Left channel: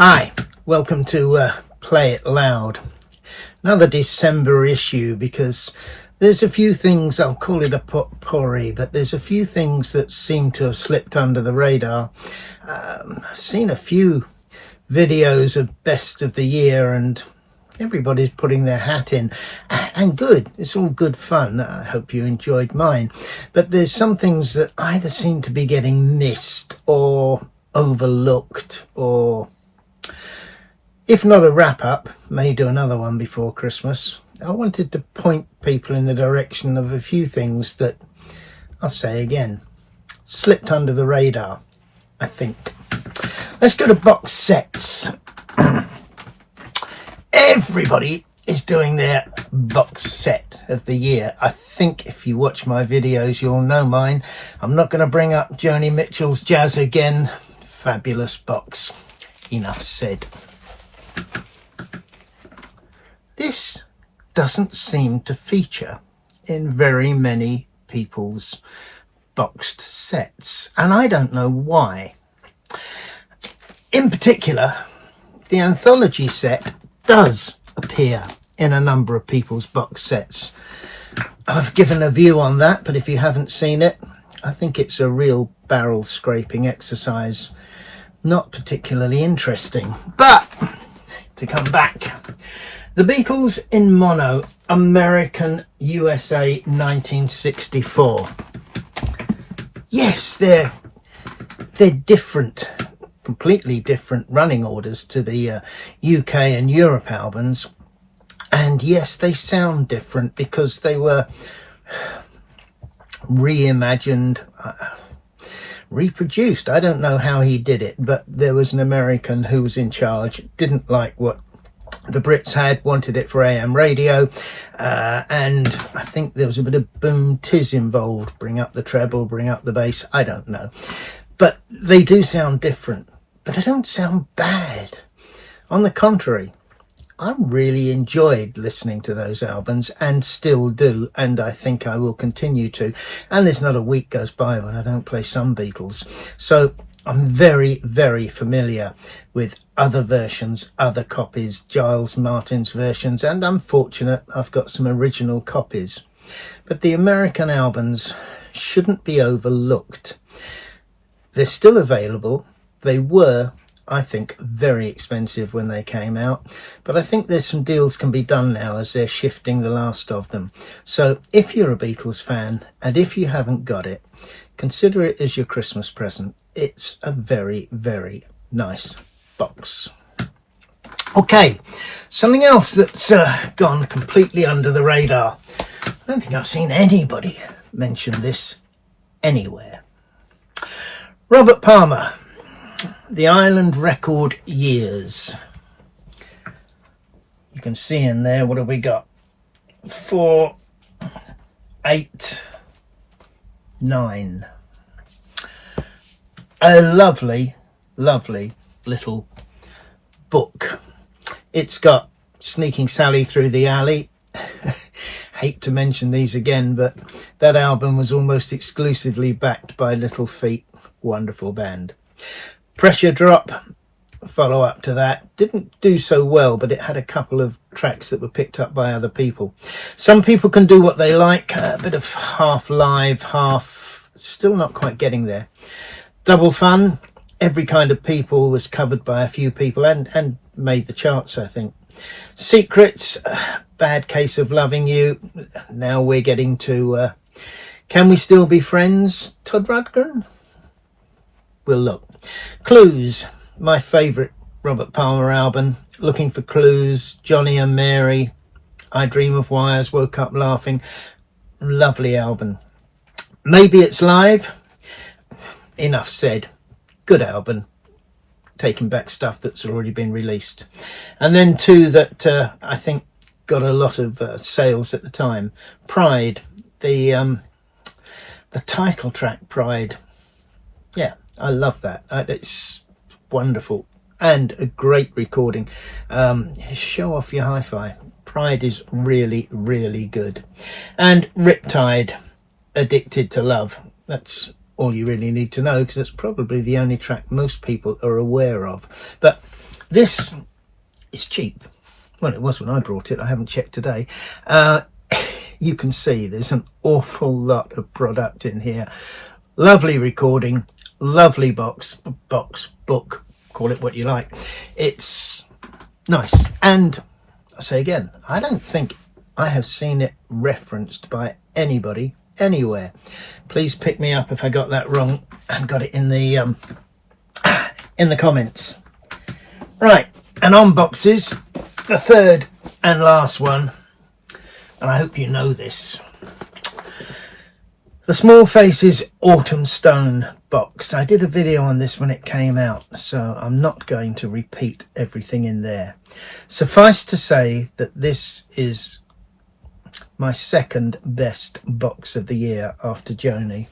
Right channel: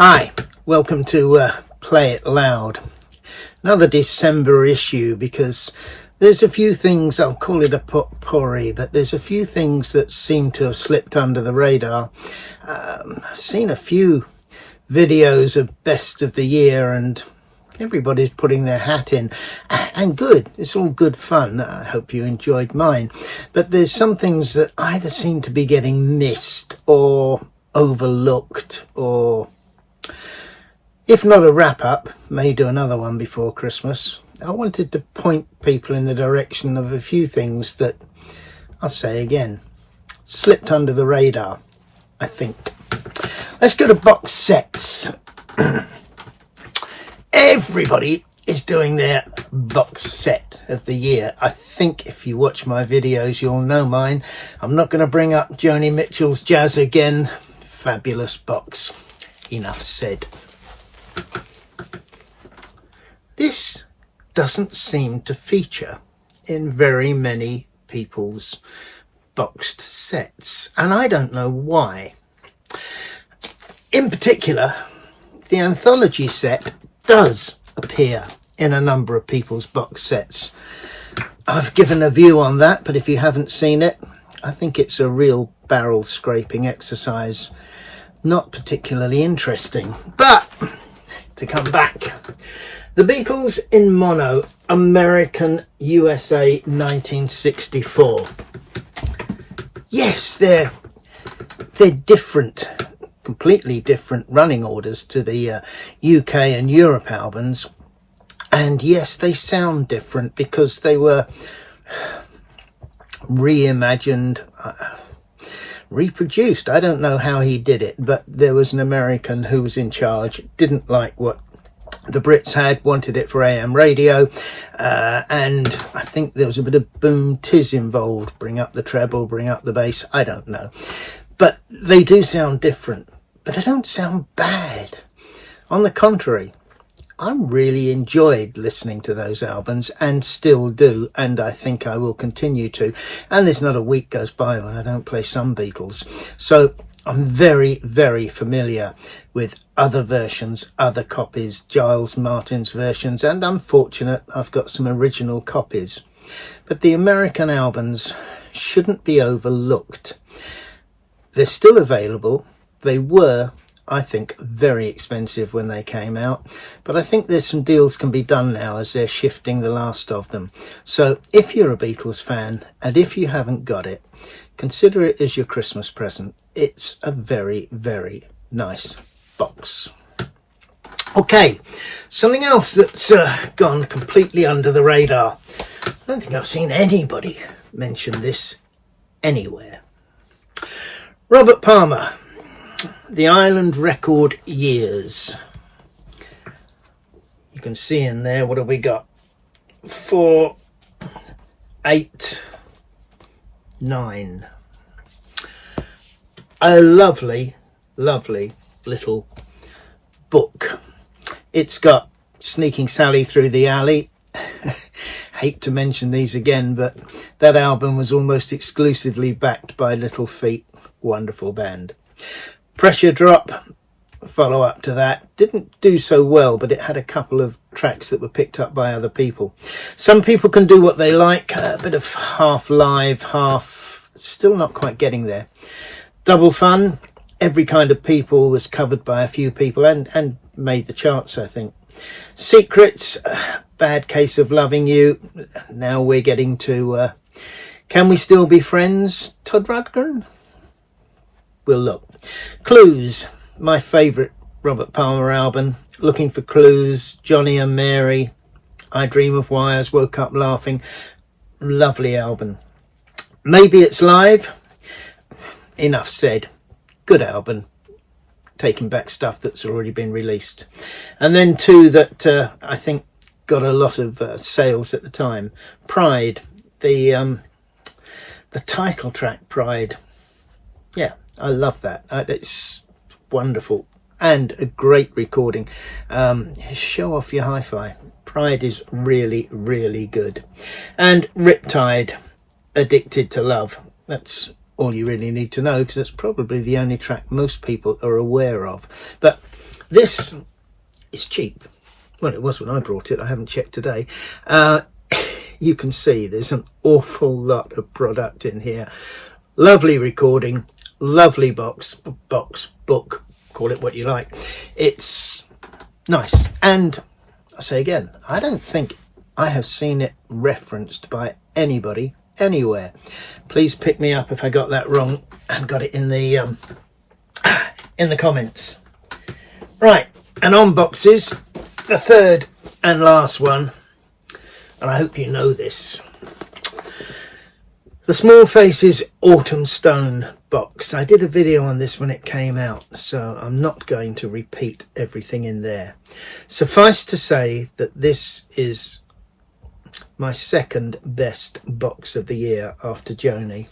Hi, welcome to Play It Loud. Another December issue, because there's a few things, I'll call it a Pori, but there's a few things that seem to have slipped under the radar. I've seen a few videos of best of the year and everybody's putting their hat in, and good, it's all good fun. I hope you enjoyed mine, but there's some things that either seem to be getting missed or overlooked, or if not a wrap-up, may do another one before Christmas. I wanted to point people in the direction of a few things that, I'll say again, slipped under the radar, I think. Let's go to box sets. Everybody is doing their box set of the year. I think if you watch my videos, you'll know mine. I'm not going to bring up Joni Mitchell's Jazz again. Fabulous box. Enough said. This doesn't seem to feature in very many people's boxed sets, and I don't know why. In particular, the anthology set does appear in a number of people's box sets. I've given a view on that, but if you haven't seen it, I think it's a real barrel scraping exercise. Not particularly interesting, but to come back, the Beatles in mono, American USA 1964. Yes, they're different, completely different running orders to the UK and Europe albums, and yes, they sound different because they were reimagined, reproduced. I don't know how he did it, but there was an American who was in charge, didn't like what the Brits had, wanted it for AM radio, and I think there was a bit of boom tiz involved, bring up the treble, bring up the bass, I don't know, but they do sound different, but they don't sound bad. On the contrary, I really enjoyed listening to those albums, and still do, and I think I will continue to. And there's not a week goes by when I don't play some Beatles. So I'm very, very familiar with other versions, other copies, Giles Martin's versions, and I'm fortunate I've got some original copies. But the American albums shouldn't be overlooked. They're still available. They were, I think, very expensive when they came out, but I think there's some deals can be done now as they're shifting the last of them. So if you're a Beatles fan, and if you haven't got it, consider it as your Christmas present. It's a very, very nice box. Okay, something else that's gone completely under the radar. I don't think I've seen anybody mention this anywhere. Robert Palmer, The Island Record Years. You can see in there, what have we got? 4, 8, 9. A lovely, lovely little book. It's got Sneaking Sally Through the Alley. Hate to mention these again, but that album was almost exclusively backed by Little Feat. Wonderful band. Pressure Drop, follow up to that, didn't do so well, but it had a couple of tracks that were picked up by other people. Some people can do what they like, a bit of half live, half, still not quite getting there. Double Fun, Every Kind of People was covered by a few people and made the charts, I think. Secrets, Bad Case of Loving You. Now we're getting to Can We Still Be Friends? Todd Rundgren? We'll look. Clues, my favourite Robert Palmer album. Looking for Clues, Johnny and Mary, I Dream of Wires, Woke Up Laughing. Lovely album. Maybe It's Live. Enough said. Good album. Taking back stuff that's already been released. And then two that I think got a lot of sales at the time. Pride, the title track Pride. Yeah, I love that. It's wonderful and a great recording. Show off your hi-fi. Pride is really, really good. And Riptide, Addicted to Love. That's all you really need to know, because it's probably the only track most people are aware of. But This is cheap. Well, it was when I brought it. I haven't checked today. You can see there's an awful lot of product in here. Lovely recording, lovely book, call it what you like. It's nice. And I say again, I don't think I have seen it referenced by anybody anywhere. Please pick me up if I got that wrong and got it in the comments. Right, and on boxes, the third and last one, and I hope you know this. The Small Faces Autumn Stone box. I did a video on this when it came out, so I'm not going to repeat everything in there. Suffice to say that this is my second best box of the year after Joni.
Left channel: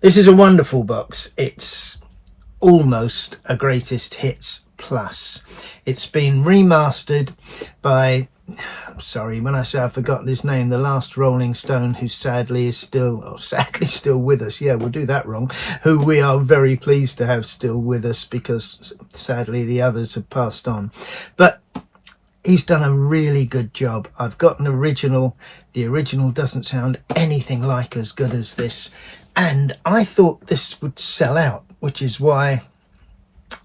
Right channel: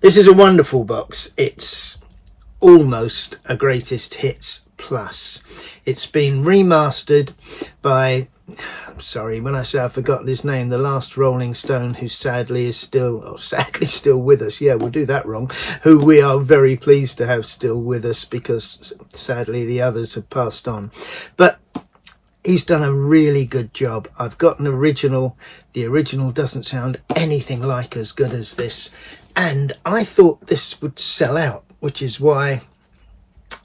This is a wonderful box. It's almost a greatest hits plus. It's been remastered by, sorry, when I say I've forgotten his name, the last Rolling Stone, who sadly is still with us. Yeah, we'll do that wrong. Who we are very pleased to have still with us, because sadly the others have passed on. But he's done a really good job. I've got an original. The original doesn't sound anything like as good as this. And I thought this would sell out, which is why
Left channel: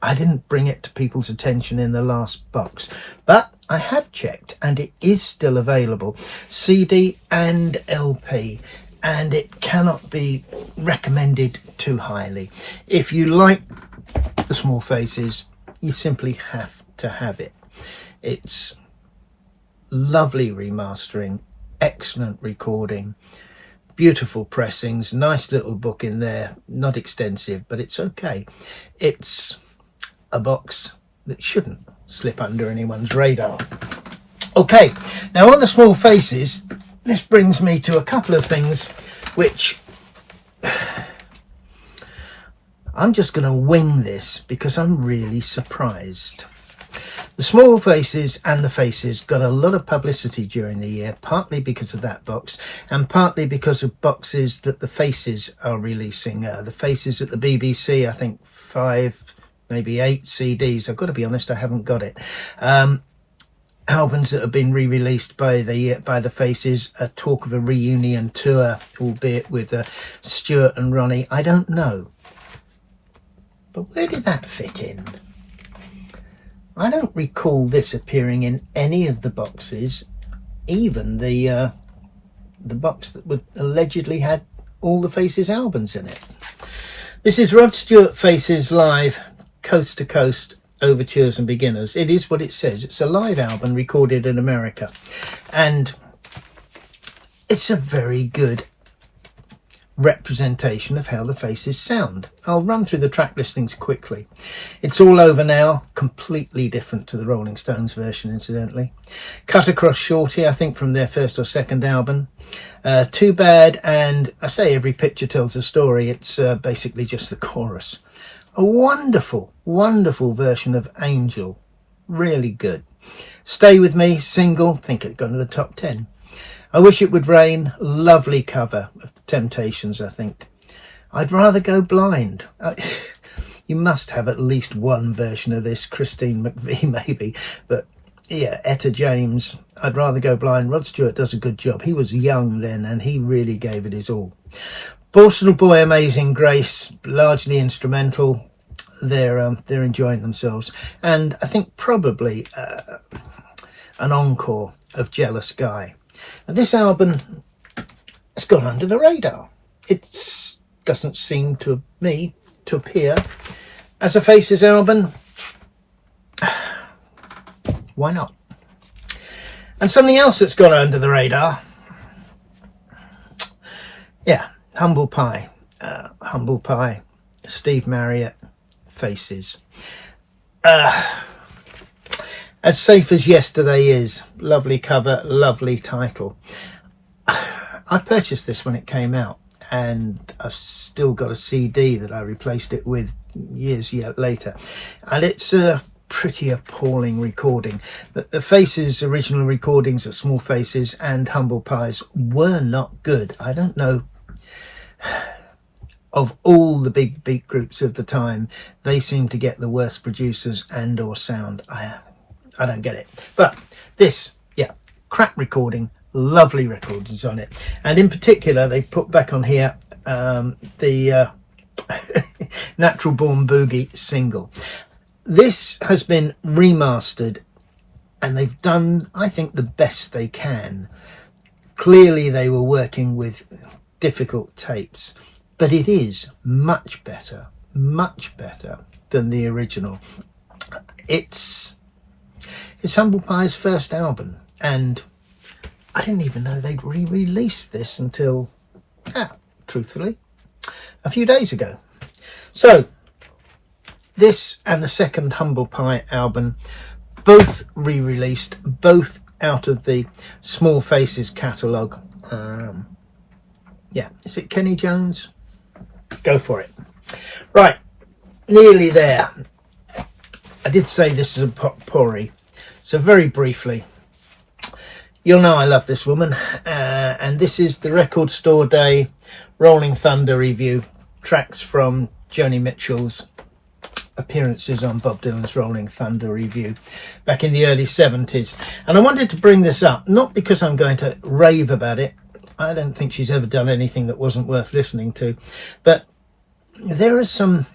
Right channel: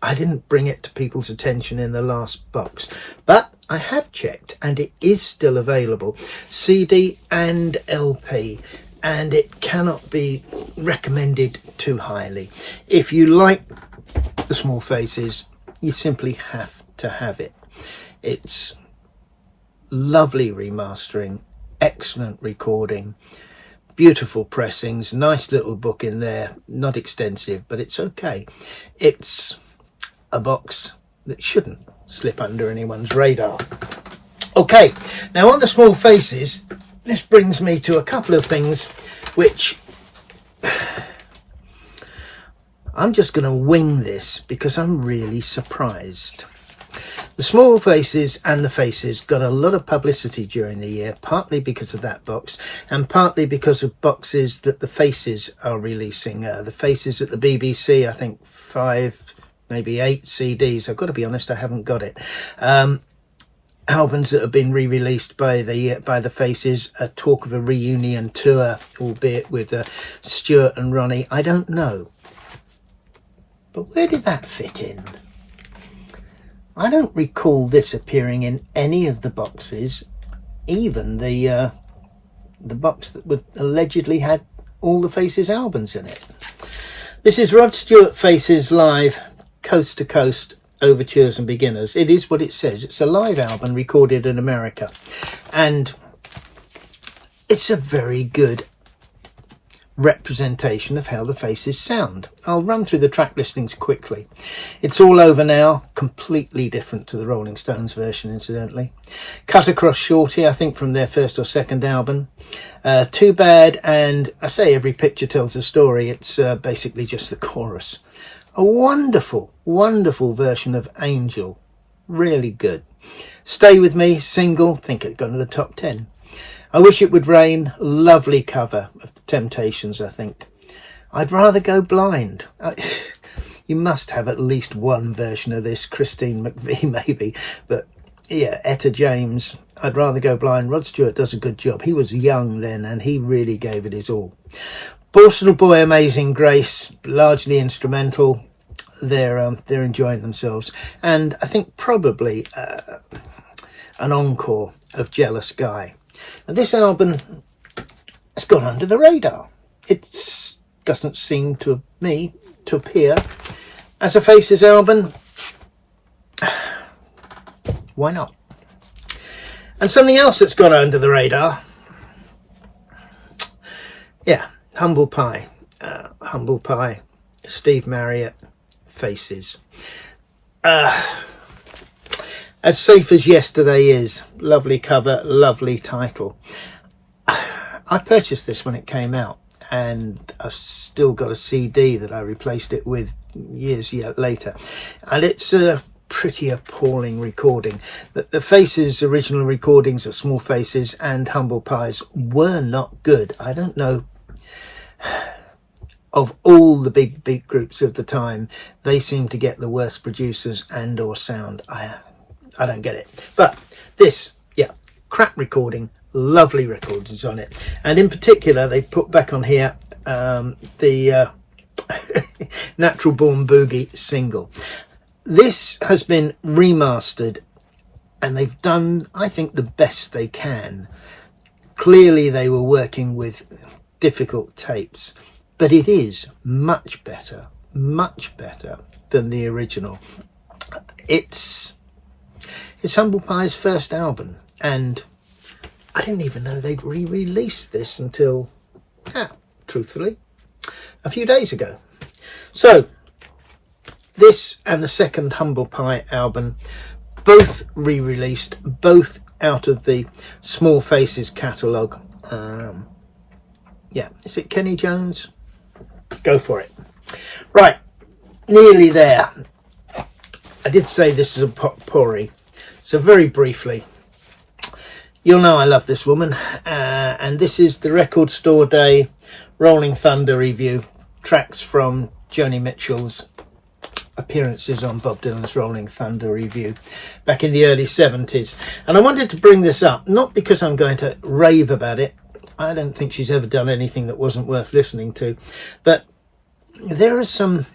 I didn't bring it to people's attention in the last box. But I have checked and it is still available, CD and LP, and it cannot be recommended too highly. If you like the Small Faces, you simply have to have it. It's lovely remastering, excellent recording, beautiful pressings, nice little book in there, not extensive, but it's okay. It's a box that shouldn't slip under anyone's radar. Okay, now on the Small Faces, this brings me to a couple of things which I'm just going to wing this because I'm really surprised. The Small Faces and the Faces got a lot of publicity during the year, partly because of that box and partly because of boxes that the Faces are releasing. The Faces at the BBC, I think 5, maybe 8 CDs. I've got to be honest, I haven't got it. Albums that have been re-released by the Faces, a talk of a reunion tour, albeit with Stuart and Ronnie. I don't know. But where did that fit in? I don't recall this appearing in any of the boxes, even the box that would allegedly had all the Faces albums in it. This is Rod Stewart Faces Live, Coast to Coast, Overtures and Beginners. It is what it says. It's a live album recorded in America, and it's a very good representation of how the Faces sound. I'll run through the track listings quickly. It's All Over Now, completely different to the Rolling Stones version, incidentally. Cut Across Shorty, I think from their first or second album. Too Bad, and I say Every Picture Tells a Story. It's basically just the chorus. A wonderful, wonderful version of Angel. Really good. Stay With Me, single, think it got into the top 10. I Wish It Would Rain, lovely cover of the Temptations, I think. I'd Rather Go Blind. You must have at least one version of this. Christine McVie, maybe. But yeah, Etta James, I'd Rather Go Blind. Rod Stewart does a good job. He was young then and he really gave it his all. Borstal Boy, Amazing Grace, largely instrumental. They're enjoying themselves. And I think probably an encore of Jealous Guy. Now, this album has gone under the radar. It doesn't seem to me to appear as a Faces album. Why not? And something else that's gone under the radar. Yeah, Humble Pie. Humble Pie, Steve Marriott, Faces. As Safe as Yesterday Is. Lovely cover, lovely title. I purchased this when it came out, and I've still got a CD that I replaced it with years later. And it's a pretty appalling recording. The Faces' original recordings of Small Faces and Humble Pies were not good. I don't know of all the big beat groups of the time, they seem to get the worst producers and or sound. I don't get it. But this, yeah, crap recording, lovely recordings on it. And in particular, they put back on here the Natural Born Boogie single. This has been remastered and they've done, I think, the best they can. Clearly they were working with difficult tapes, but it is much better than the original. It's Humble Pie's first album, and I didn't even know they'd re-released this until, truthfully, a few days ago. So this and the second Humble Pie album, both re-released, both out of the Small Faces catalogue. Yeah, is it Kenny Jones? Go for it. Right, nearly there. I did say this is a Pori, so very briefly, you'll know I love this woman, and this is the Record Store Day Rolling Thunder review, tracks from Joni Mitchell's appearances on Bob Dylan's Rolling Thunder review back in the early 70s. And I wanted to bring this up, not because I'm going to rave about it. I don't think she's ever done anything that wasn't worth listening to, but there are some,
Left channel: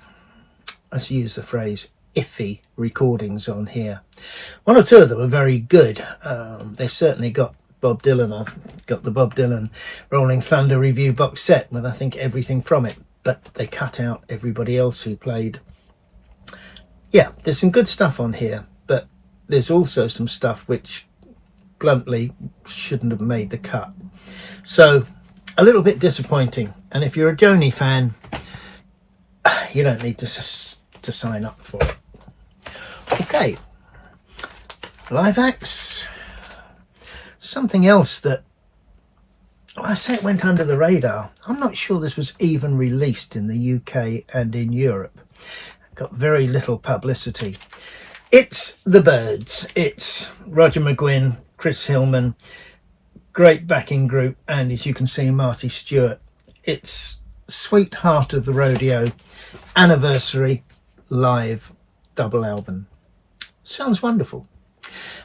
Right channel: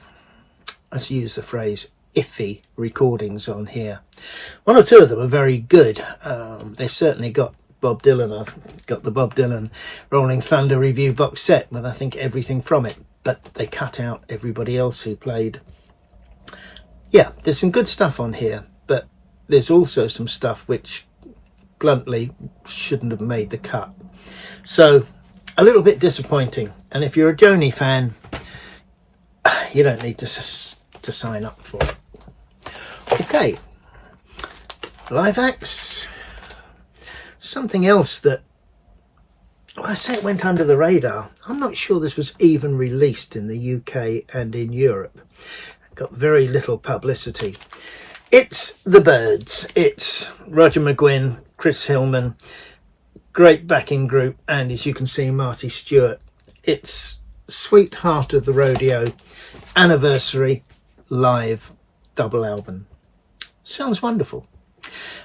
let's use the phrase, iffy recordings on here. One or two of them are very good. They certainly got Bob Dylan. I've got the Bob Dylan Rolling Thunder review box set with, I think, everything from it, but they cut out everybody else who played. Yeah, there's some good stuff on here, but there's also some stuff which bluntly shouldn't have made the cut. So a little bit disappointing. And if you're a Joni fan, you don't need to sign up for it. Okay, live acts. Something else that, well, I say it went under the radar. I'm not sure this was even released in the UK and in Europe. Got very little publicity. It's the Byrds. It's Roger McGuinn, Chris Hillman, great backing group, and as you can see, Marty Stewart. It's Sweetheart of the Rodeo anniversary live double album. Sounds wonderful.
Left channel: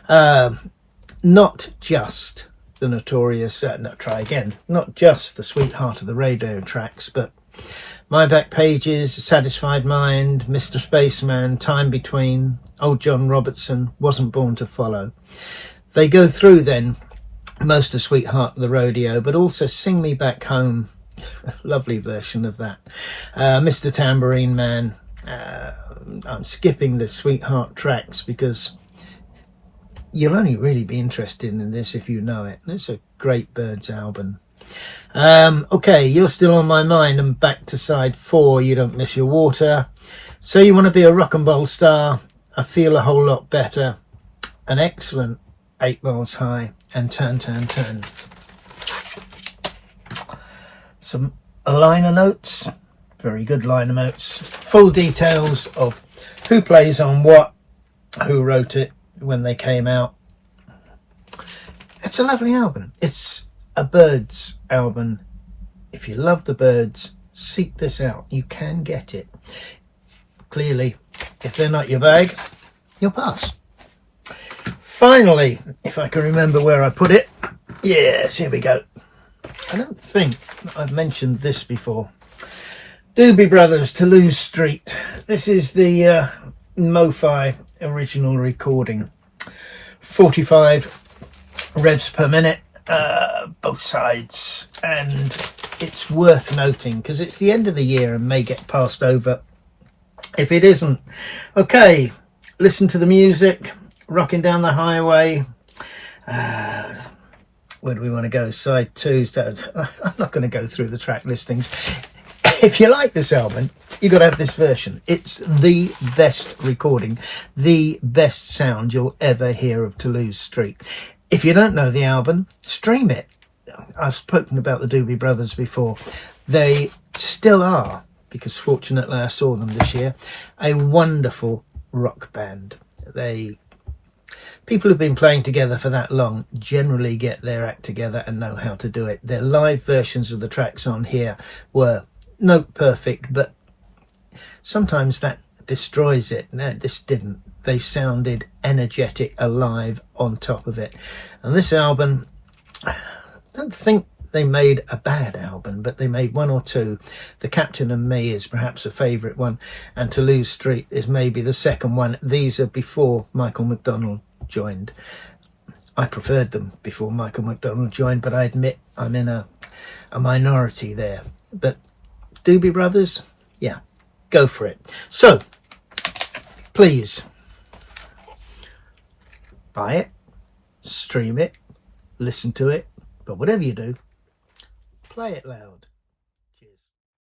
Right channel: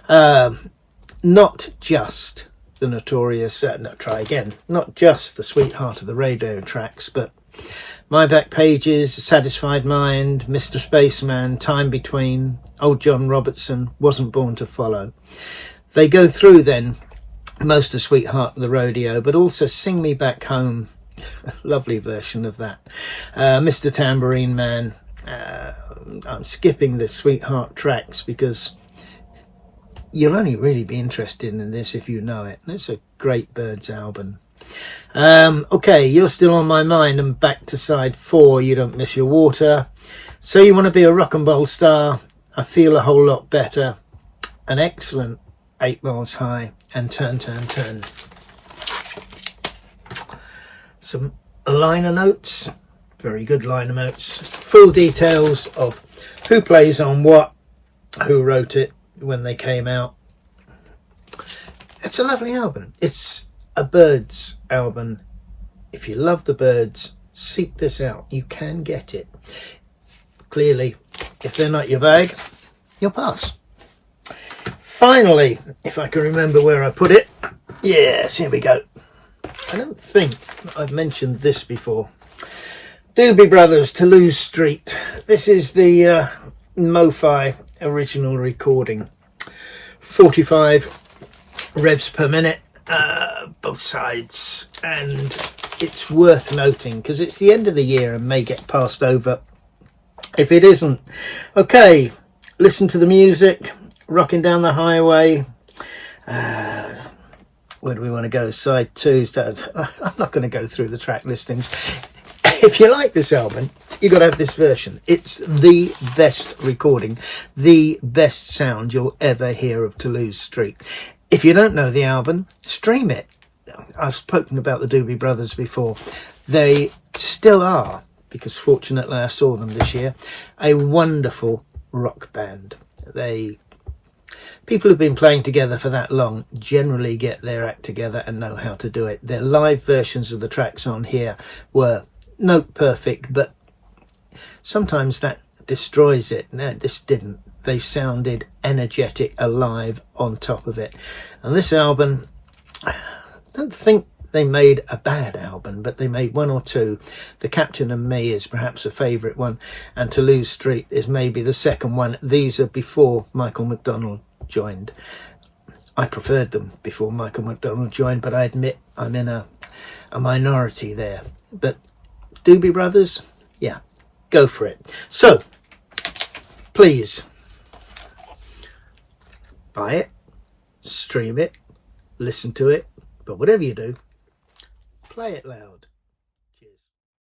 Not just the notorious, not just the Sweetheart of the Rodeo tracks, but My Back Pages, Satisfied Mind, Mr. Spaceman, Time Between, Old John Robertson, Wasn't Born to Follow. They go through then most of Sweetheart of the Rodeo, but also Sing Me Back Home, lovely version of that. Mr. Tambourine Man. I'm skipping the Sweetheart tracks because you'll only really be interested in this if you know it. It's a great Byrds album. Okay, You're Still on My Mind, and back to side 4, You Don't Miss Your Water. So You Want to Be a Rock and Roll Star, I Feel a Whole Lot Better, an excellent 8 Miles High, and Turn, Turn, Turn. Some liner notes, very good liner notes, full details of who plays on what, who wrote it, when they came out. It's a lovely album. It's a Byrds album. If you love the Byrds, seek this out. You can get it. Clearly, if they're not your bag, you'll pass. Finally, if I can remember where I put it, yes, here we go. I don't think I've mentioned this before. Doobie Brothers, Toulouse Street. This is the Mo-Fi original recording. 45 revs per minute, both sides, and it's worth noting because it's the end of the year and may get passed over if it isn't. Okay, listen to the music, rocking down the highway. Where do we want to go? Side 2. So I'm not going to go through the track listings. If you like this album, you've got to have this version. It's the best recording, the best sound you'll ever hear of Toulouse Street. If you don't know the album, stream it. I've spoken about the Doobie Brothers before. They still are, because fortunately I saw them this year, a wonderful rock band. People who've been playing together for that long generally get their act together and know how to do it. Their live versions of the tracks on here were note perfect, but sometimes that destroys it. No, this didn't. They sounded energetic, alive on top of it. And this album, I don't think they made a bad album, but they made one or two. The Captain and Me is perhaps a favourite one, and Toulouse Street is maybe the second one. These are before Michael McDonald joined. I preferred them before Michael McDonald joined, but I admit I'm in a minority there. But Doobie Brothers, yeah, go for it. So please buy it, stream it, listen to it, but whatever you do, play it loud.